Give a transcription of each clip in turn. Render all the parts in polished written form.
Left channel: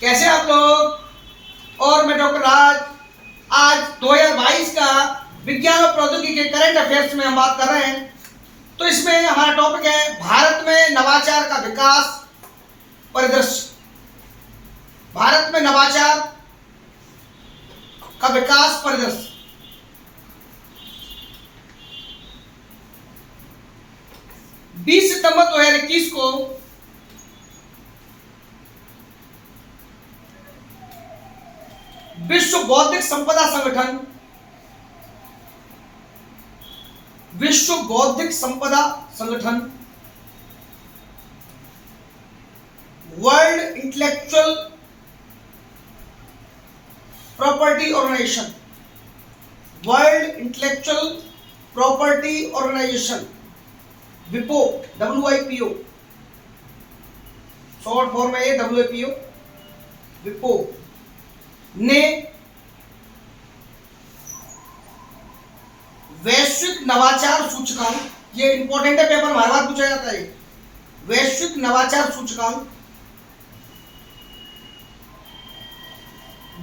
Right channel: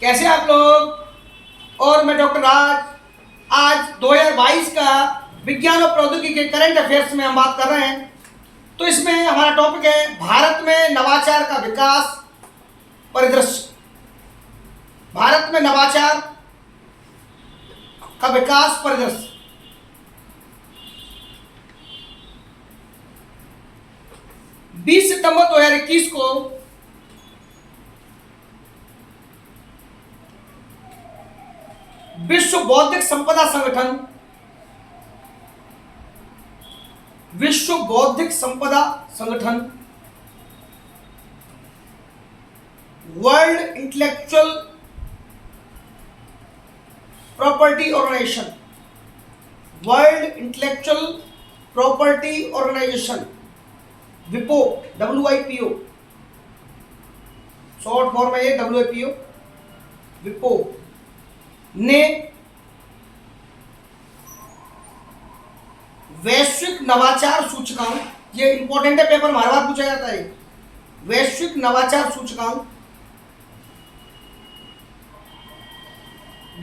कैसे हैं आप लोग। और मैं डॉक्टर राज। आज 2022 का विज्ञान और प्रौद्योगिकी के करंट अफेयर्स में हम बात कर रहे हैं। तो इसमें हमारा टॉपिक है भारत में नवाचार का विकास परिदृश्य। भारत में नवाचार का विकास परिदृश्य। बीस सितंबर 2021 को विश्व बौद्धिक संपदा संगठन वर्ल्ड इंटेलेक्चुअल प्रॉपर्टी ऑर्गेनाइजेशन विपो, WIPO शॉर्ट फॉर्म है ये, WIPO विपो ने वैश्विक नवाचार सूचकांक, ये इंपॉर्टेंट है, पेपर में हर बार पूछा जाता है, वैश्विक नवाचार सूचकांक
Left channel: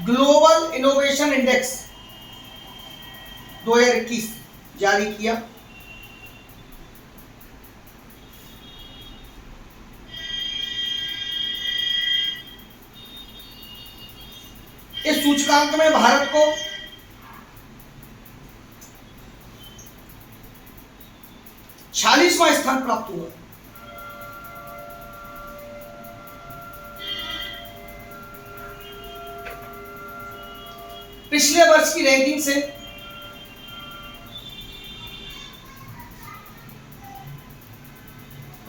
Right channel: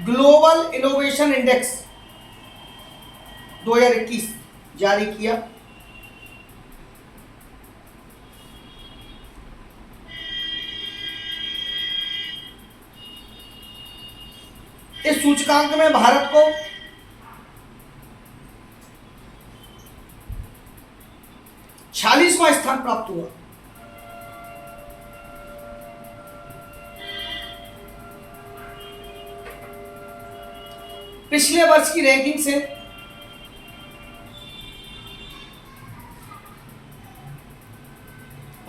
ग्लोबल इनोवेशन इंडेक्स 2021 जारी किया। इस सूचकांक में भारत को 46वां स्थान प्राप्त हुआ। पिछले वर्ष की रैंकिंग से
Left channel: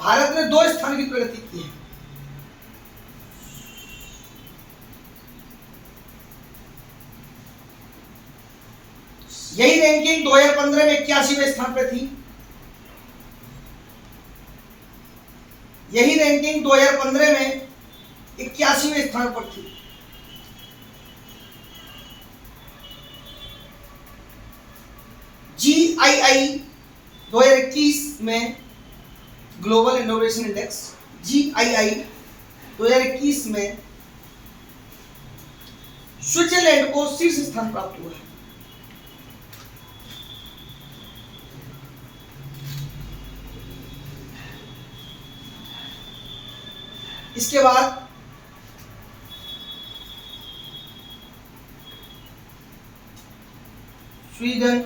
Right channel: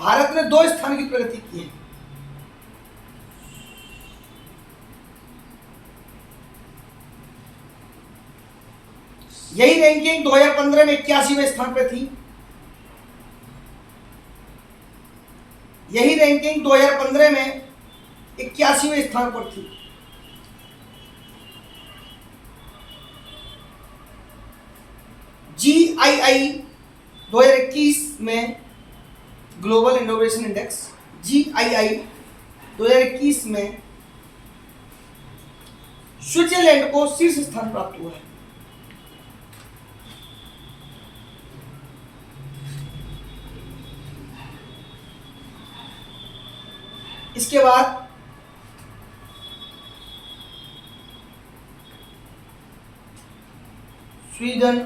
भारत ने 2 स्थान की प्रगति की है। यही रैंकिंग 2015 में 81वें स्थान पर थी। यही रैंकिंग 2015 में 81वें स्थान पर थी। GII 2021 में ग्लोबल इनोवेशन इंडेक्स, GII 2021 में स्विट्जरलैंड को शीर्ष स्थान प्राप्त हुआ है। इसके बाद स्वीडन,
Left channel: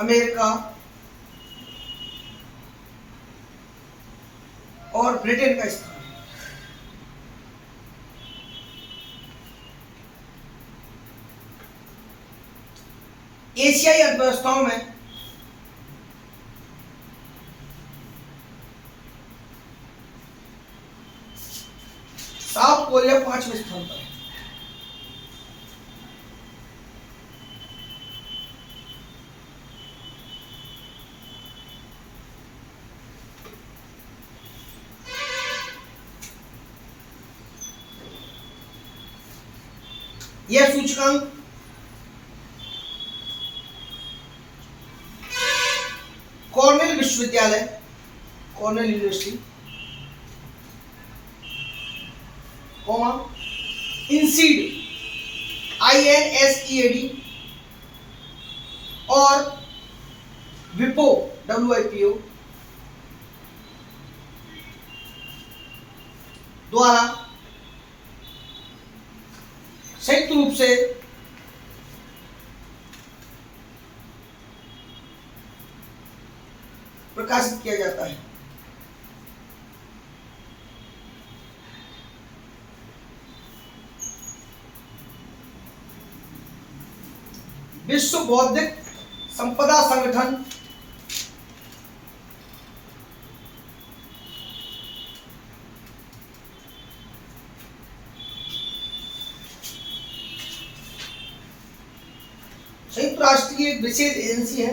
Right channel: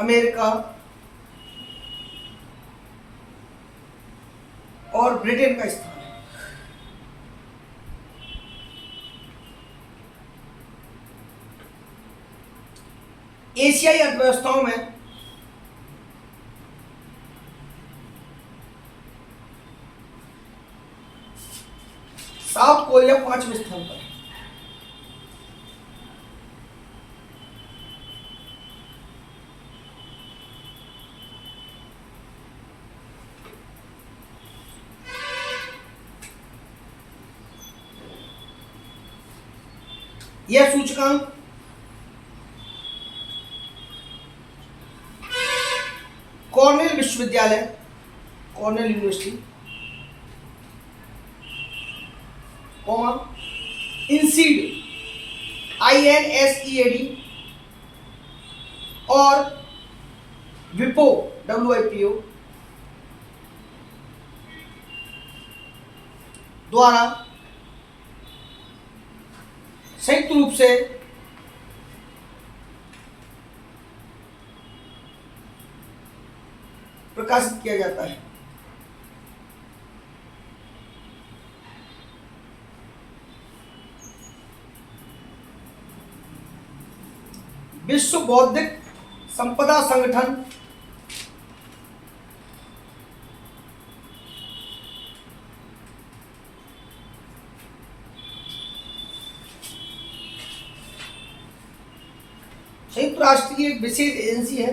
अमेरिका और ब्रिटेन का स्थान है। एशियाई अर्थव्यवस्थाओं में साउथ कोरिया 5वें स्थान पर है। यह सूचकांक कॉर्नेल विश्वविद्यालय, कॉर्नेल यूनिवर्सिटी, INSEAD, INSEAD और विपो, WIPO द्वारा संयुक्त रूप से प्रकाशित किया जाता है। विश्व बौद्धिक संपदा संगठन संयुक्त राष्ट्र की एक विशेष एजेंसी है।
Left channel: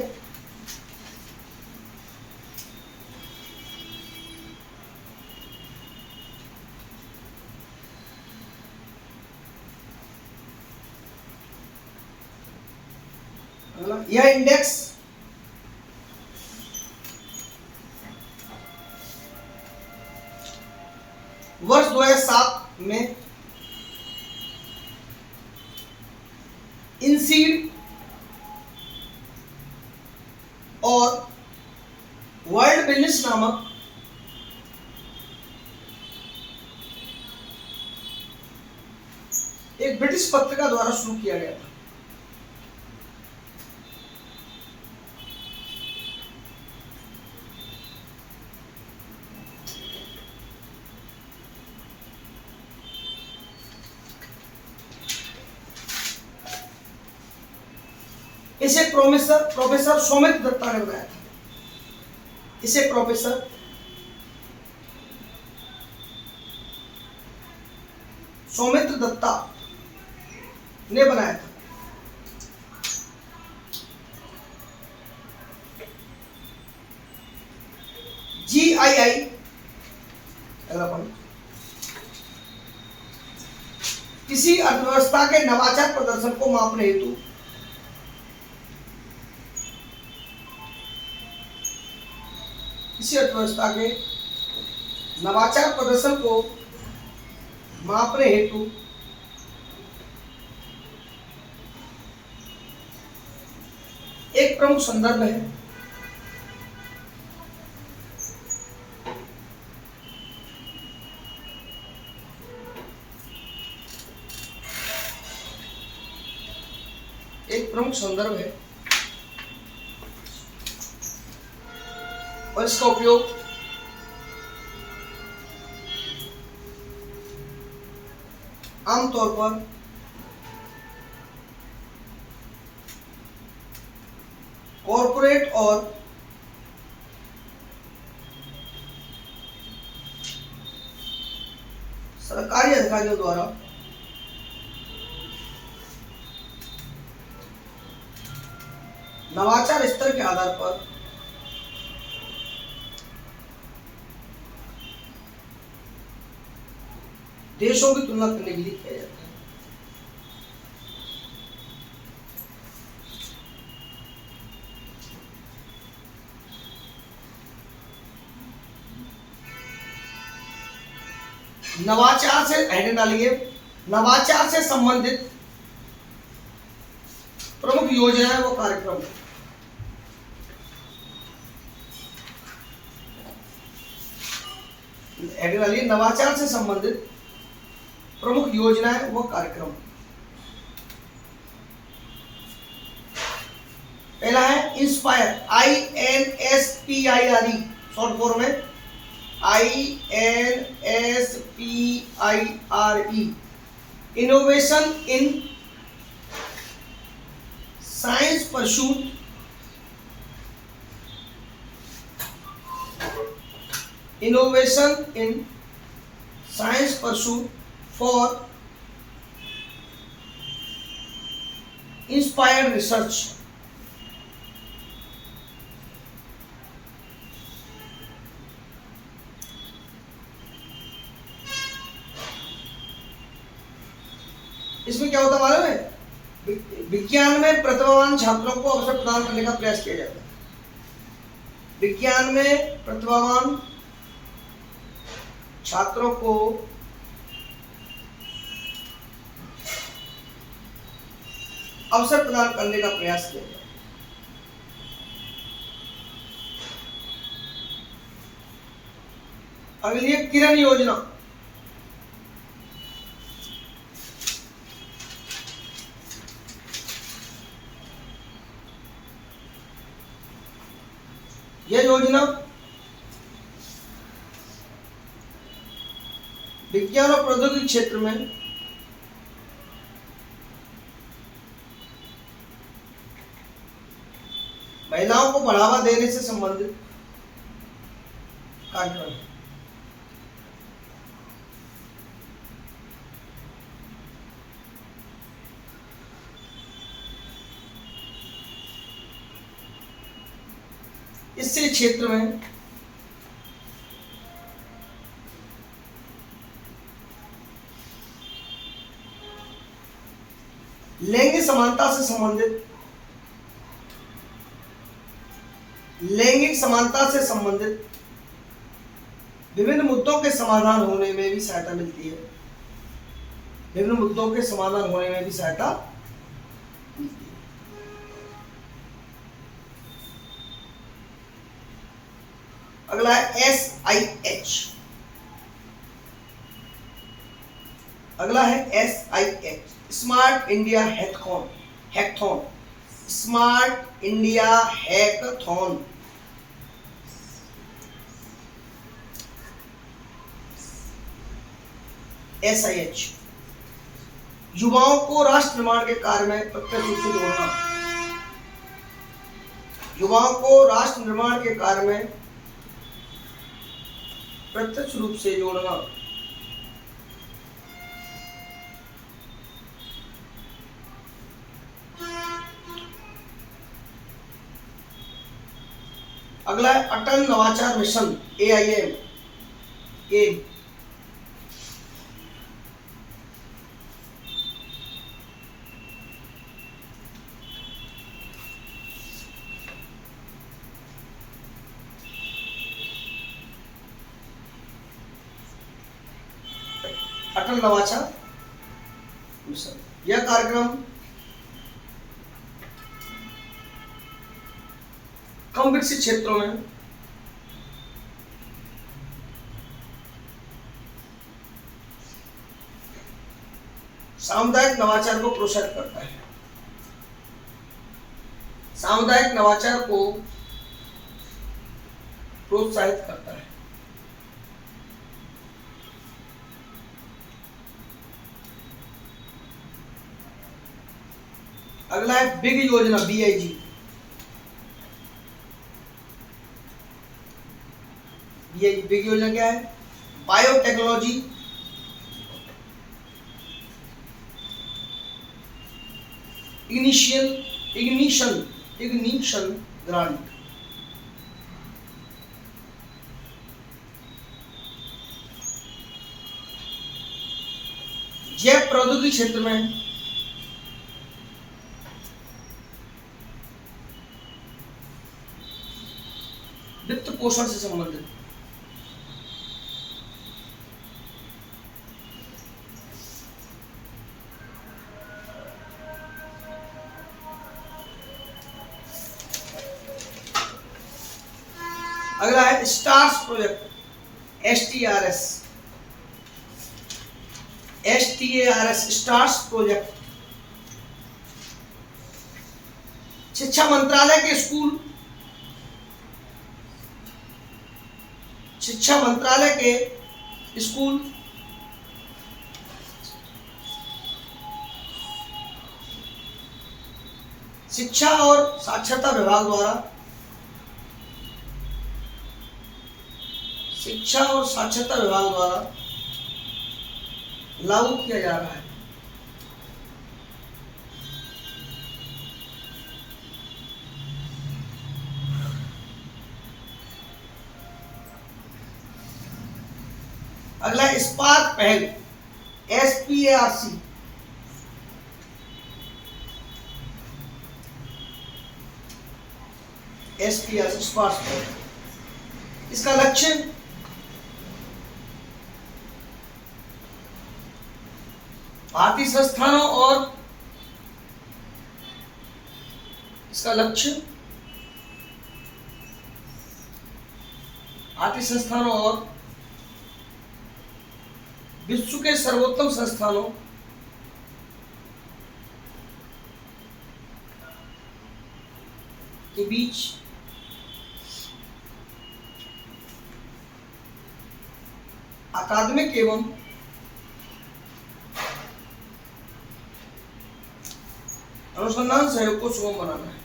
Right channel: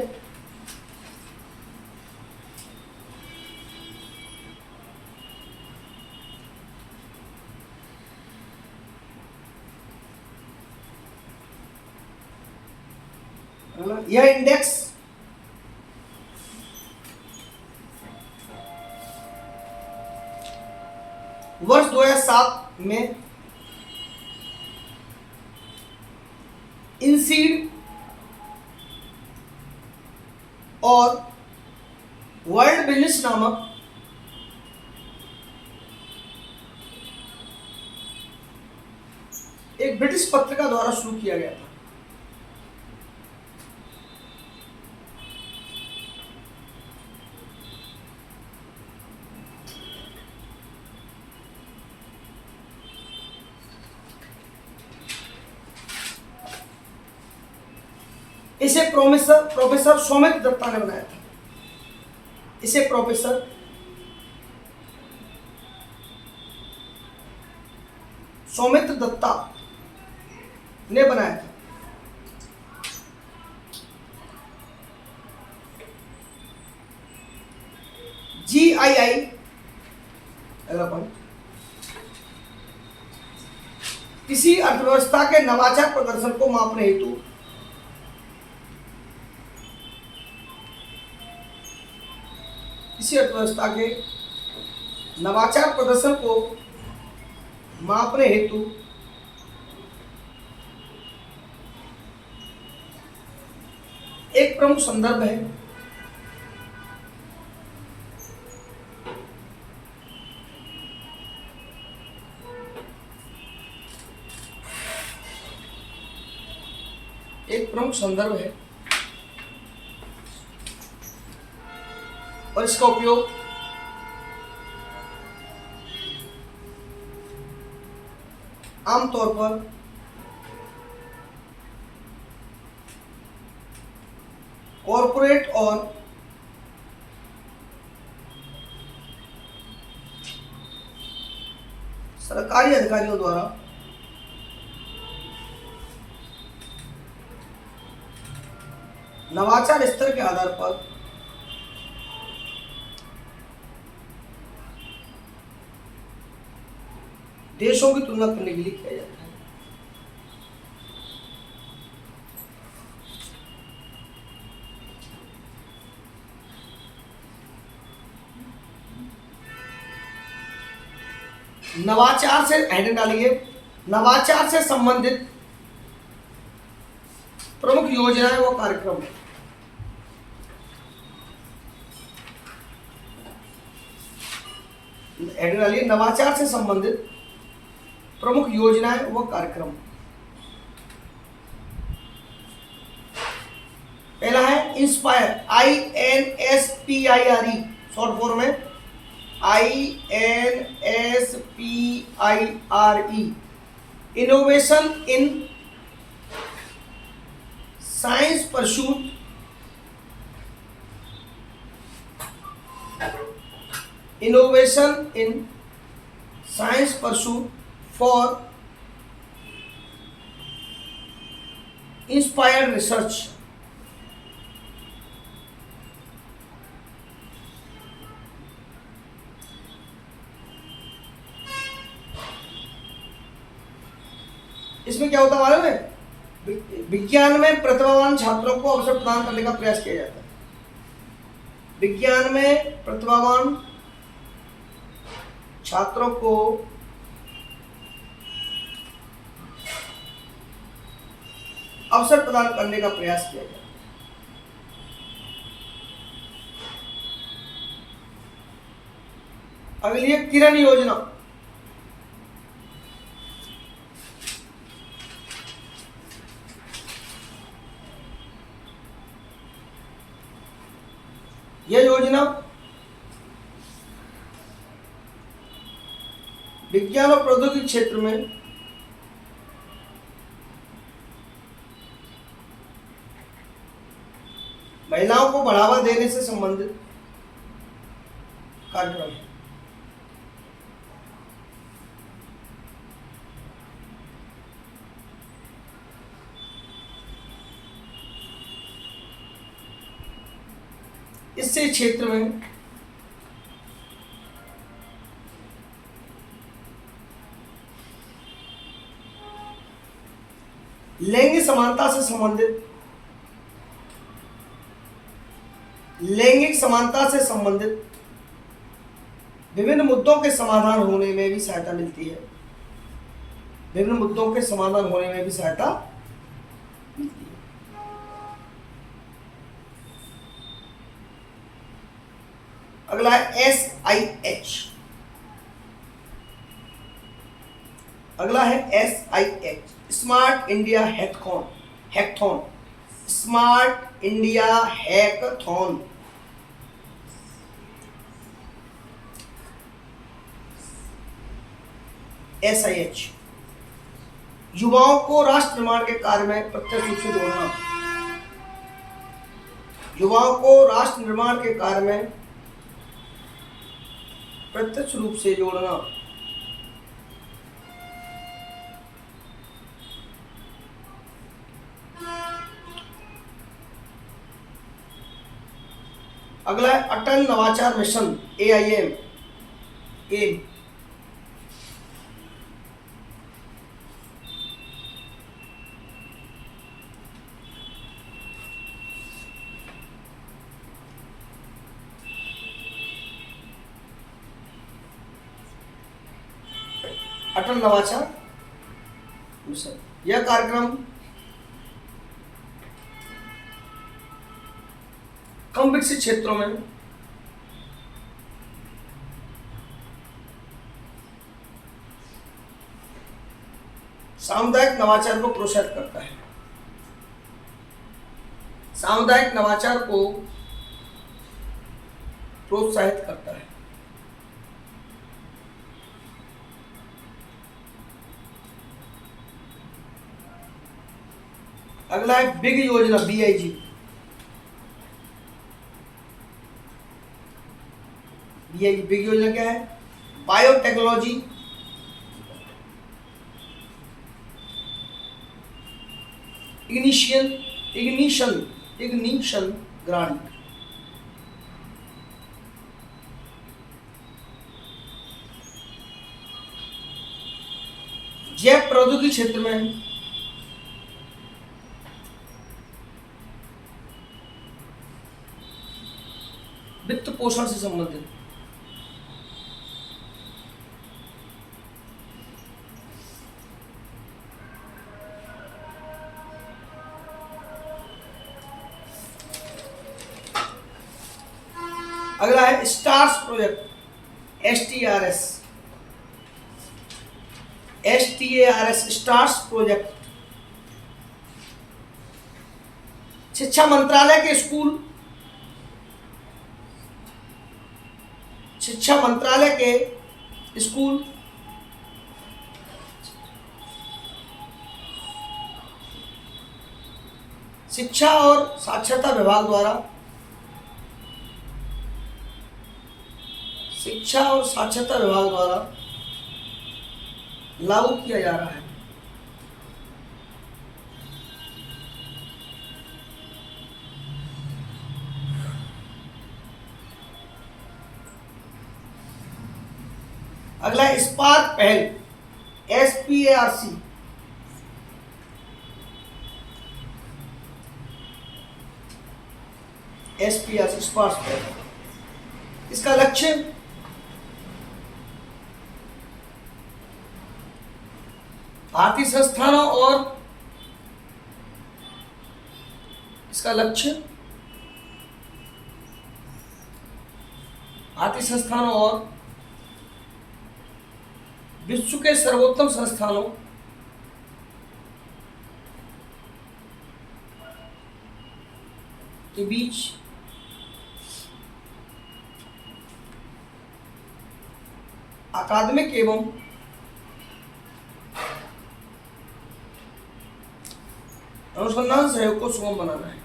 यह इंडेक्स वर्ष 2007 में इनसीड और वर्ल्ड बिजनेस नामक एक ब्रिटिश पत्रिका द्वारा शुरू किया गया था। इसे प्रोफेसर सौमित्र दत्ता ने बनाया था। इसे प्रोफेसर सौमित्र दत्ता ने बनाया था। GII किसी अर्थव्यवस्था के नवाचार प्रदर्शन को मापने हेतु किसी अर्थव्यवस्था के नवाचार प्रदर्शन को मापने हेतु एक प्रमुख संदर्भ है। एक प्रमुख संदर्भ है और इसका उपयोग आमतौर पर कॉरपोरेट और सरकारी अधिकारियों द्वारा नवाचार स्तर के आधार पर देशों की तुलना करने के लिए किया जाता है। नवाचार से हेडिंग डालिए, नवाचार से संबंधित प्रमुख योजनाएं व कार्यक्रम। हेडिंग डालिए, नवाचार से संबंधित प्रमुख योजनाएं व कार्यक्रम। पहला है इंस्पायर, INSPIRE शॉर्ट फॉर्म में, INSPIRE, innovation in science pursuit, innovation in science pursuit for inspired research। इसमें क्या होता है मालूम है? विज्ञान में प्रतिभावान छात्रों को अवसर प्रदान करने का प्रयास किया जाता है। विज्ञान में प्रतिभावान छात्रों को अवसर प्रदान करने का प्रयास किया जाए। अगली है किरण योजना। यह योजना विज्ञान और प्रौद्योगिकी क्षेत्र में महिलाओं को बढ़ावा देने से संबंधित कार्यक्रम है। इससे क्षेत्र में लैंगिक समानता से संबंधित विभिन्न मुद्दों के समाधान होने में भी सहायता मिलती है। विभिन्न मुद्दों के समाधान होने में भी सहायता मिलती है। अगला है SIH। अगला है SIH, smart India hackathon. Smart India hackathon. SIH, युवाओं को राष्ट्र निर्माण के कार्य में प्रत्यक्ष रूप से जोड़ना। युवाओं को राष्ट्र निर्माण के कार्य में प्रत्यक्ष रूप से जोड़ना। अगला है अटल नवाचार मिशन, AIM। अटल नवाचार मिशन, यह कार्यक्रम कम विकसित क्षेत्रों में सामुदायिक नवाचार को प्रोत्साहित करता है। सामुदायिक नवाचार को प्रोत्साहित करता है। अगला है बिग योजना, BIG। बिग योजना क्या है? Biotechnology ignition grant. जैव प्रौद्योगिकी क्षेत्र में वित्त पोषण से संबंधित। अगला है stars project, STARS, stars project. शिक्षा मंत्रालय के स्कूल, शिक्षा मंत्रालय के स्कूल शिक्षा और साक्षरता विभाग द्वारा लागू किया जा रहा है। अगला स्पार्क पहल, SPARC। स्पार्क पहल, इसका लक्ष्य भारतीय संस्थानों और विश्व के सर्वोत्तम संस्थानों के बीच अकादमिक एवं अनुसंधान सहयोग को सुगम बनाना है।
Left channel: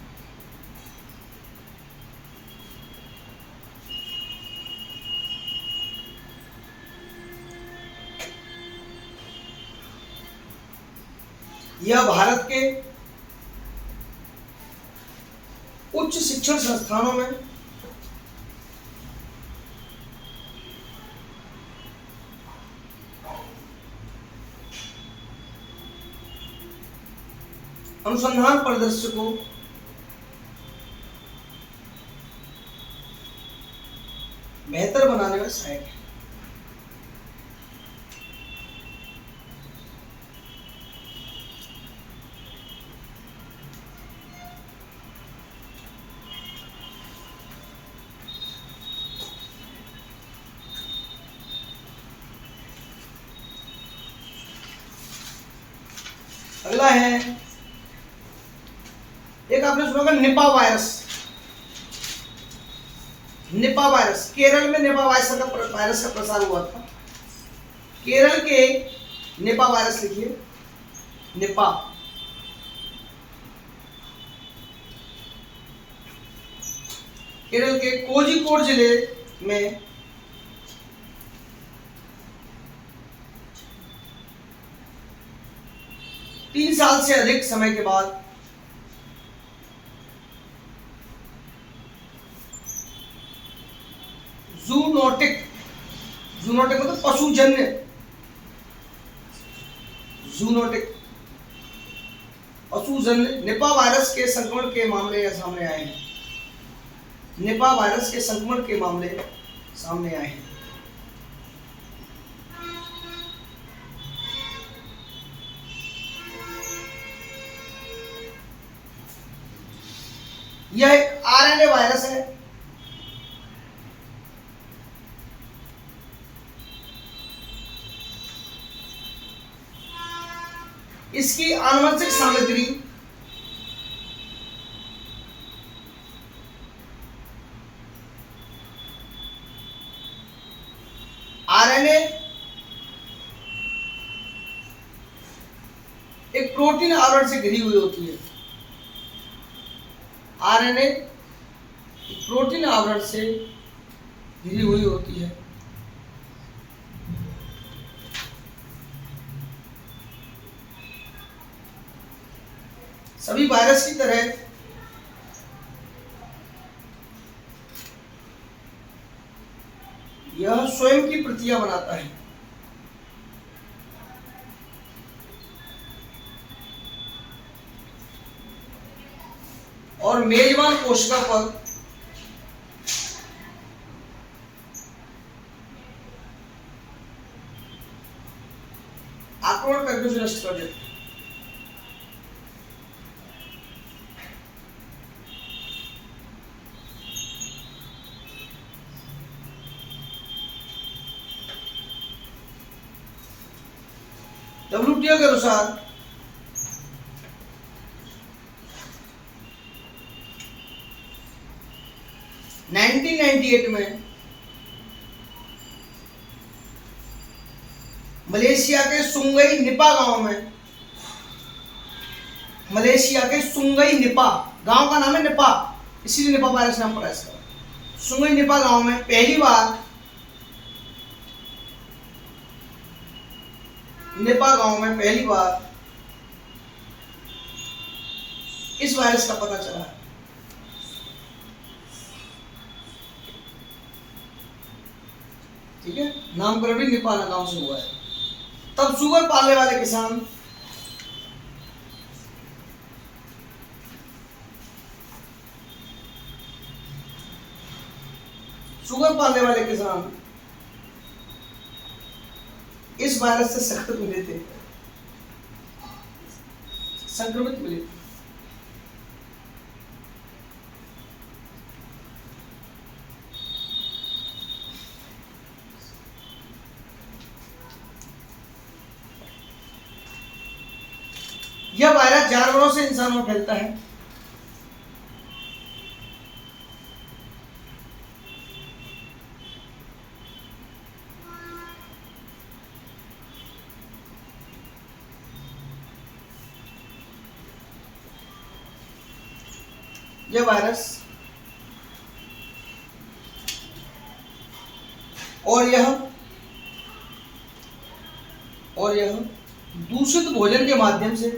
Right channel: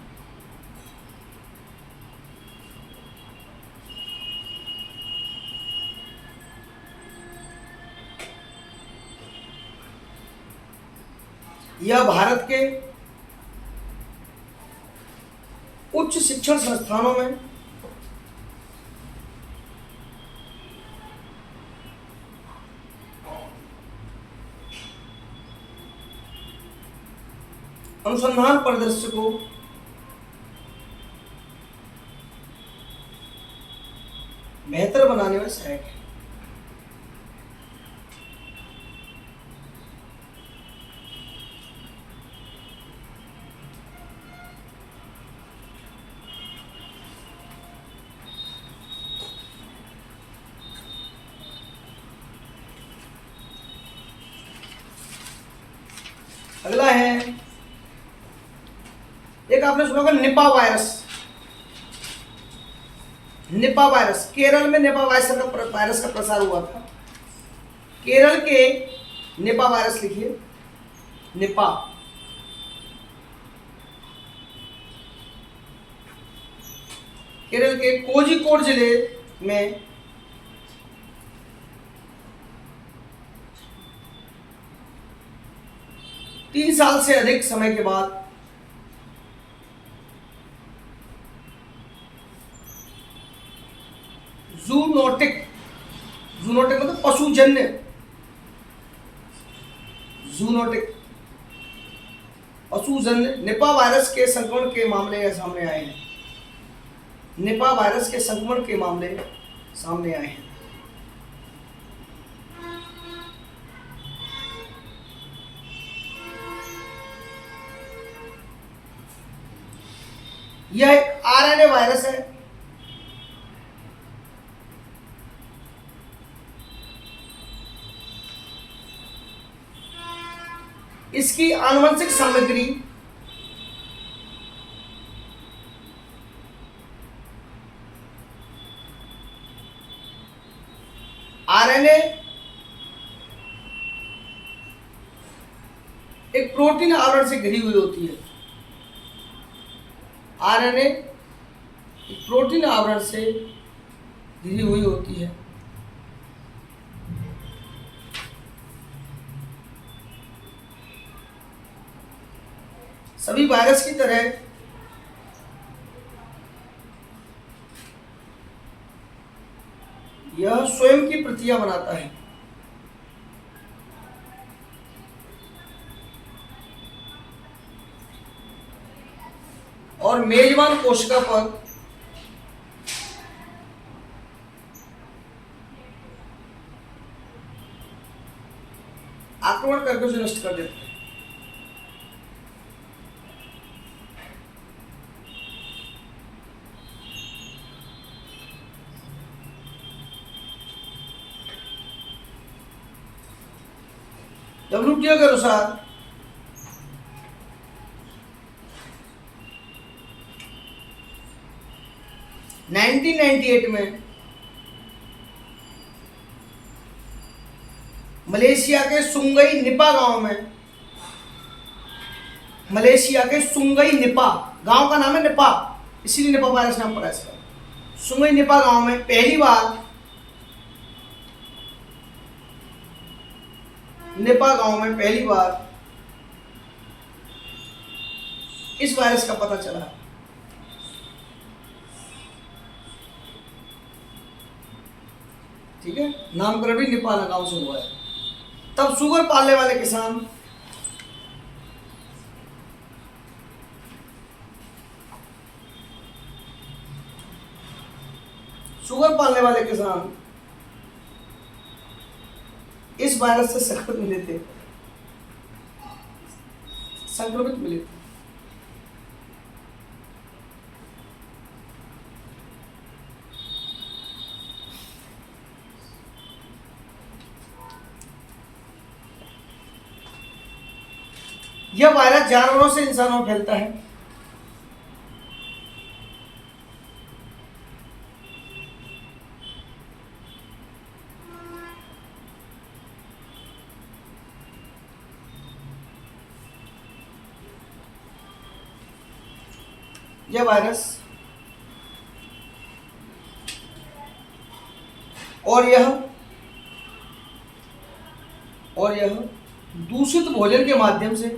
यह भारत के उच्च शिक्षण संस्थानों में अनुसंधान परिदृश्य को बेहतर बनाने में सहायक है। अगला है, एक आपने सुना होगा Nipah virus. Nipah virus, Kerala में निपा वायरस का प्रसार हुआ था। केरल के निपा वायरस लिखिए, निपा। केरल के कोझिकोड जिले में 3 साल से अधिक समय के बाद जूनोटिक मतलब पशुजन्य, जूनोटिक पशुजन्य निपा वायरस के संक्रमण के मामले सामने आए हैं। निपा वायरस के संक्रमण के मामले सामने आए हैं। यह एक आरएनए वायरस है। इसकी आनुवंशिक सामग्री आरएनए एक प्रोटीन आवरण से घिरी हुई होती है। आरएनए एक प्रोटीन आवरण से घिरी हुई होती है। सभी वायरस की तरह यह स्वयं की प्रतियां बनाता है। और मेजबान कोशिका पर आक्रमण करके उसे नष्ट कर देता है। WTO के अनुसार 1998 में मलेशिया के सुंगई निपा गांव में, मलेशिया के सुंगई निपा गांव का नाम है निपा, इसीलिए निपा वायरस नाम पड़ा इसका। सुंगई निपा गांव में पहली बार इस वायरस का पता चला है। ठीक है, नामकरण भी निपा गांव से हुआ है। तब शुगर पालने वाले किसान इस वायरस से संक्रमित मिले थे। यह वायरस जानवरों से इंसानों में फैलता है। यह वायरस और यह दूषित भोजन के माध्यम से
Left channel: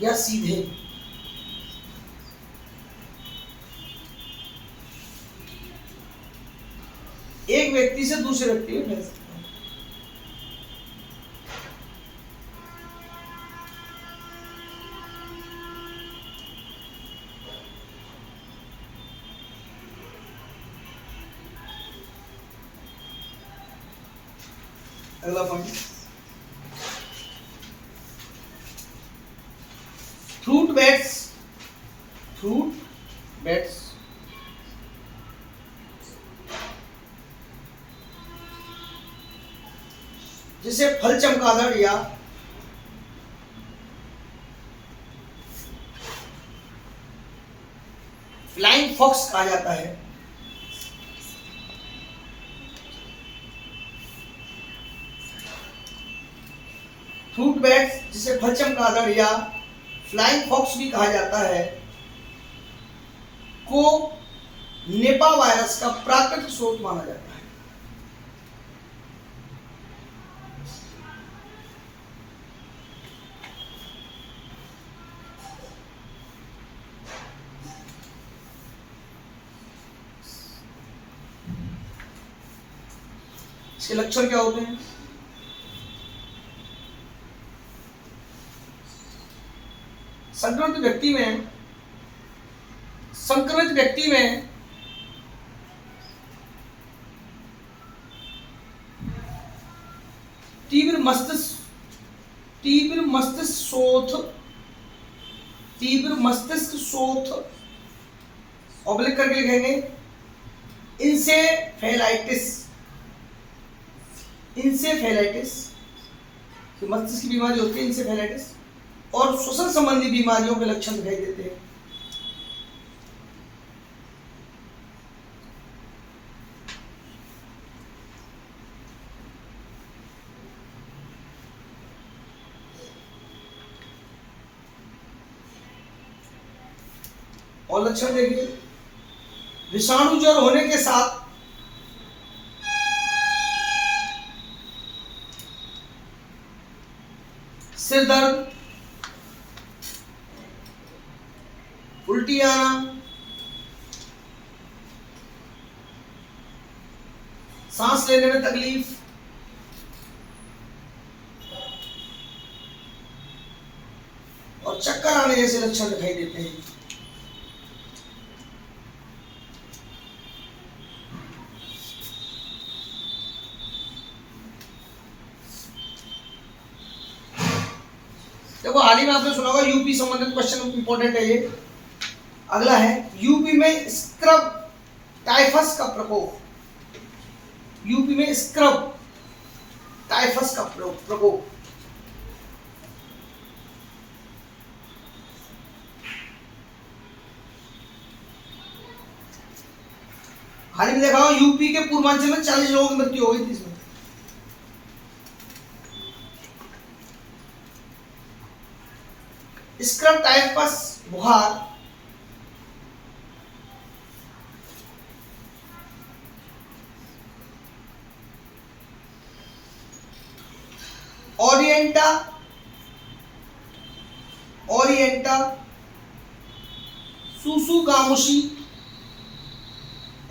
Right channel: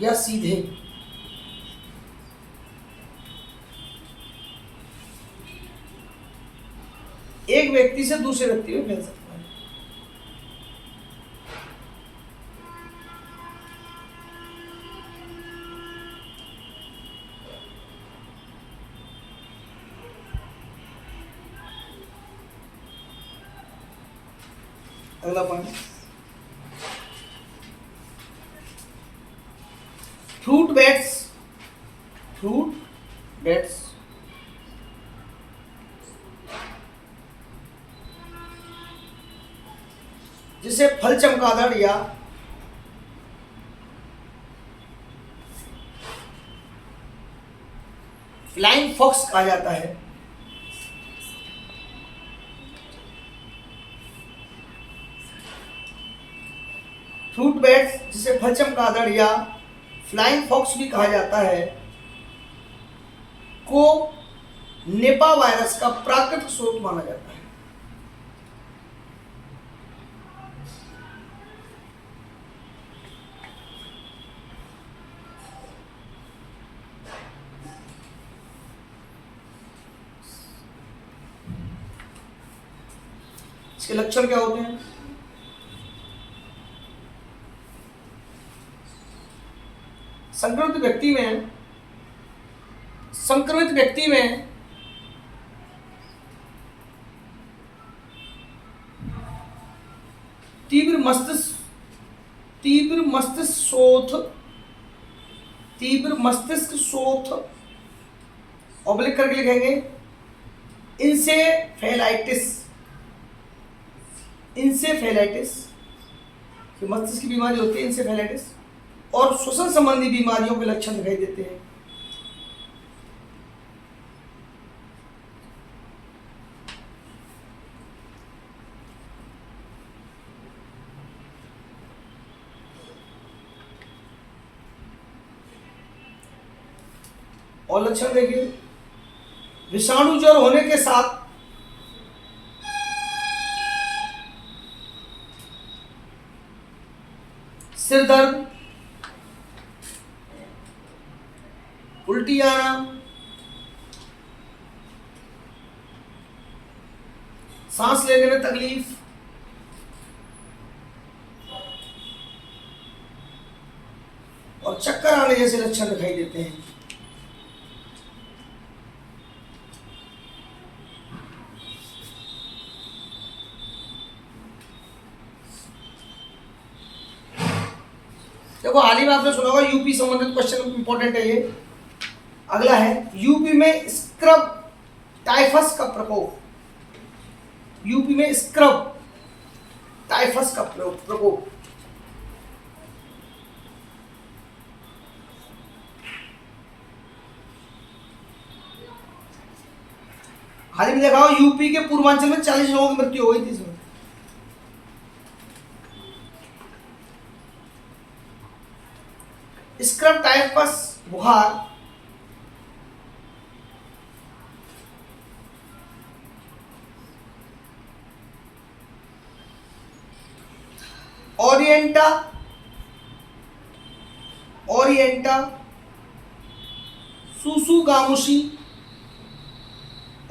या सीधे एक व्यक्ति से दूसरे व्यक्ति में फैल सकता है। अगला पॉइंट, फ्रूट बैट्स जिसे फल चमगादड़ या फ्लाइंग फॉक्स कहा जाता है। फ्रूट बैट्स जिसे फल चमगादड़ या फ्लाइंग फॉक्स भी कहा जाता है को निपा वायरस का प्राकृतिक स्रोत माना जाता है। इसके लक्षण क्या होते हैं? संक्रमित व्यक्ति में तीव्र मस्तिष्क शोथ ऑब्लिक करके लिखेंगे इंसेफेलाइटिस की मस्तिष्क की बीमारी होती है इंसेफेलाइटिस, और श्वसन संबंधी बीमारियों के लक्षण दिखाई देते हैं। और लक्षण देखिए, विषाणु ज्वर होने के साथ सिर दर्द, उल्टी आना, सांस लेने में तकलीफ, और चक्कर आने जैसे लक्षण दिखाई देते हैं। देखो हाल ही में आपने सुना होगा यूपी संबंधित क्वेश्चन इंपॉर्टेंट है ये। अगला है यूपी में स्क्रब टाइफस का प्रकोप। यूपी में स्क्रब टाइफस का प्रकोप। हाल ही में देखा हो यूपी के पूर्वांचल में 40 लोगों की मृत्यु हो गई थी इसमें। स्क्रब टाइफस बुखार ओरिएंटा सुसुगामुशी,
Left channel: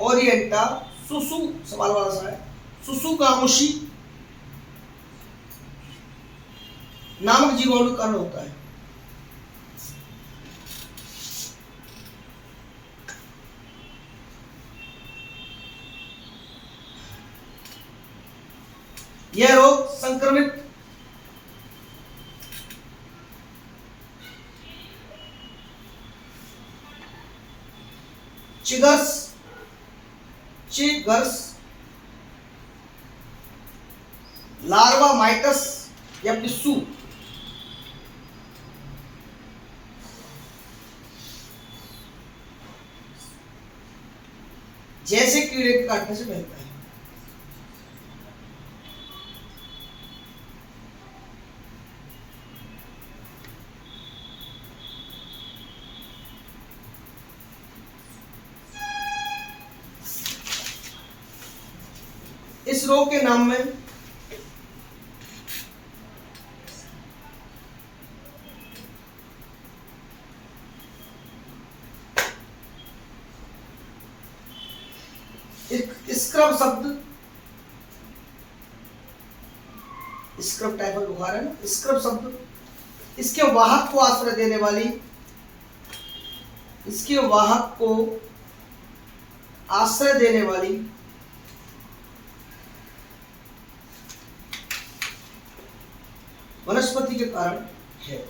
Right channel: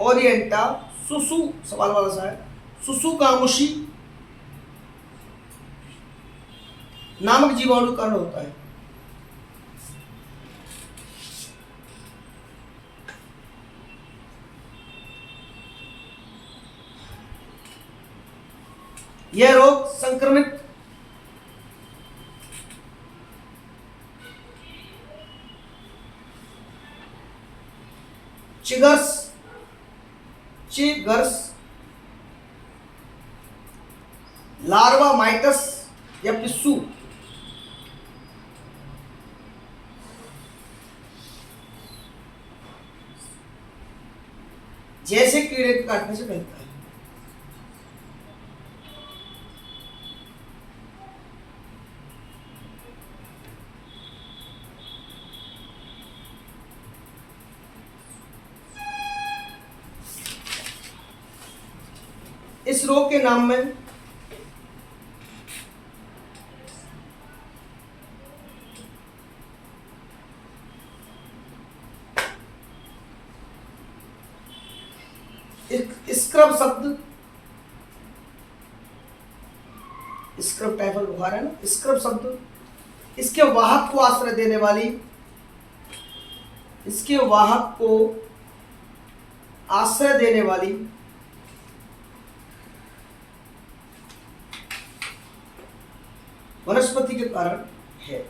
ओरिएंटा सुसु सवाल वाला सा है, सुसुगामुशी नामक जीवाणु का कारण होता है। यह रोग संक्रमित चिगर्स लार्वा माइटस या पिस्सू जैसे कीड़े के काटने से फैलता है। इस रोग के नाम में स्क्रब शब्द, स्क्रब टाइफस बुखार है ना, स्क्रब शब्द इसके वाहक को आश्रय देने वाली, इसके वाहक को आश्रय देने वाली वनस्पति के कारण है।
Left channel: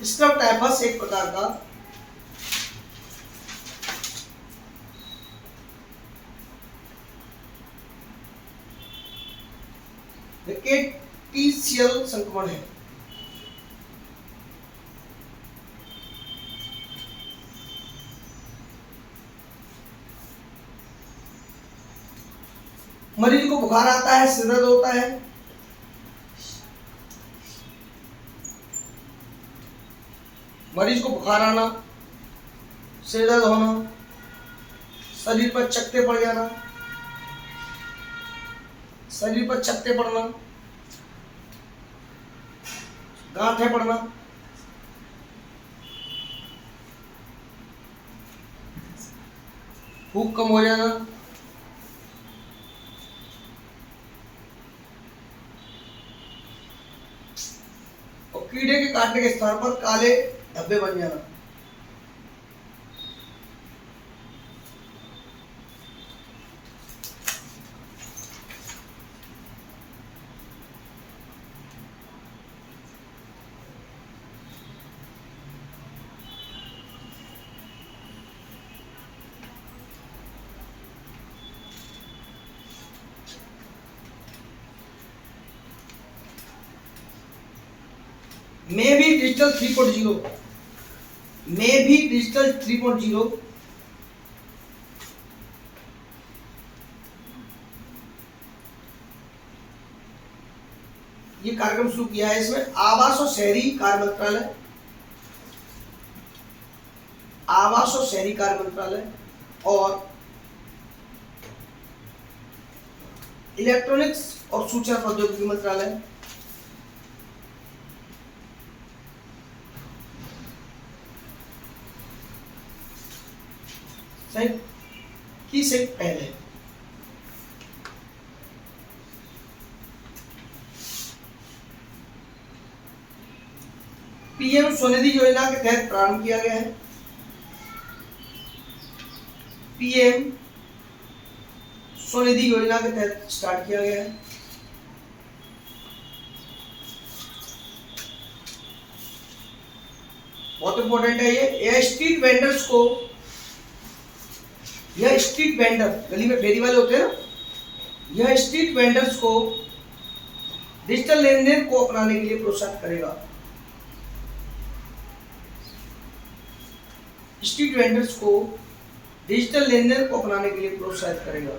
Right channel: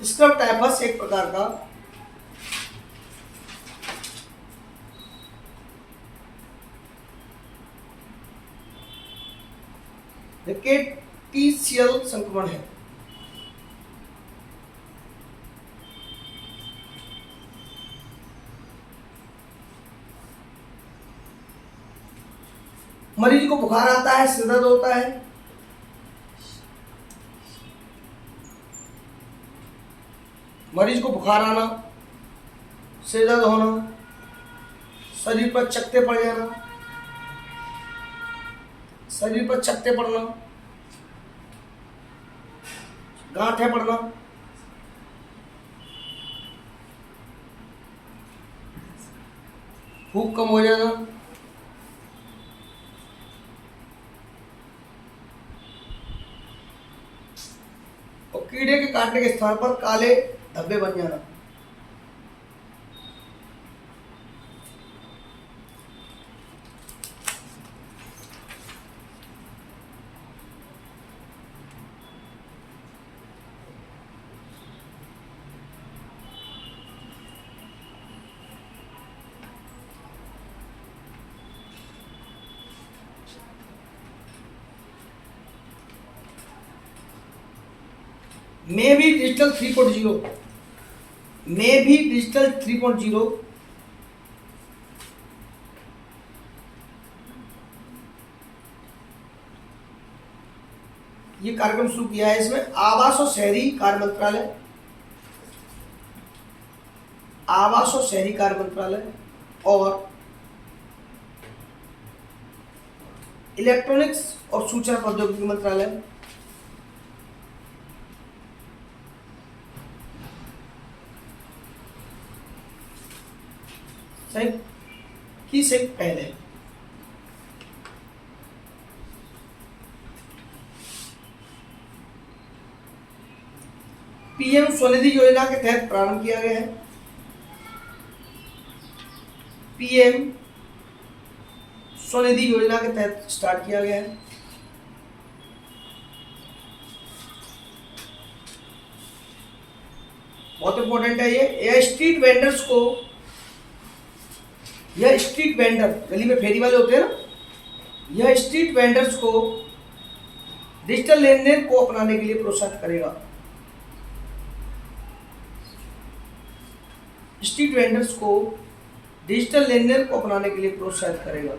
स्क्रब टाइफस एक प्रकार का रिकेटिशियल संक्रमण है। मरीज को बुखार आता है, सिर दर्द होता है, मरीज को बुखार आना, सिर दर्द होना, शरीर पर चकत्ते पड़ जाना, शरीर पर चकत्ते पड़ना, गांठें पड़ना, भूख कम हो जाना, और कीड़े के काटने के स्थान पर काले धब्बे बन जाना। मे भी डिजिटल 3.0, मे भी डिजिटल 3.0 ये कार्यक्रम शुरू किया है। इसमें आवास और शहरी कार्य मंत्रालय, आवास और शहरी कार्य मंत्रालय और इलेक्ट्रॉनिक्स और सूचना प्रौद्योगिकी मंत्रालय, की से पहले पीएम स्वनिधि योजना के तहत प्रारंभ किया गया है। पीएम स्वनिधि योजना के तहत स्टार्ट किया गया है। बहुत इंपॉर्टेंट है ये। यह स्ट्रीट वेंडर्स को, यह स्ट्रीट वेंडर, गली में फेरी वाले होते हैं ना, यह स्ट्रीट वेंडर्स को डिजिटल लेन देन को अपनाने के लिए प्रोत्साहित करेगा। स्ट्रीट वेंडर्स को डिजिटल लेन देन को अपनाने के लिए प्रोत्साहित करेगा।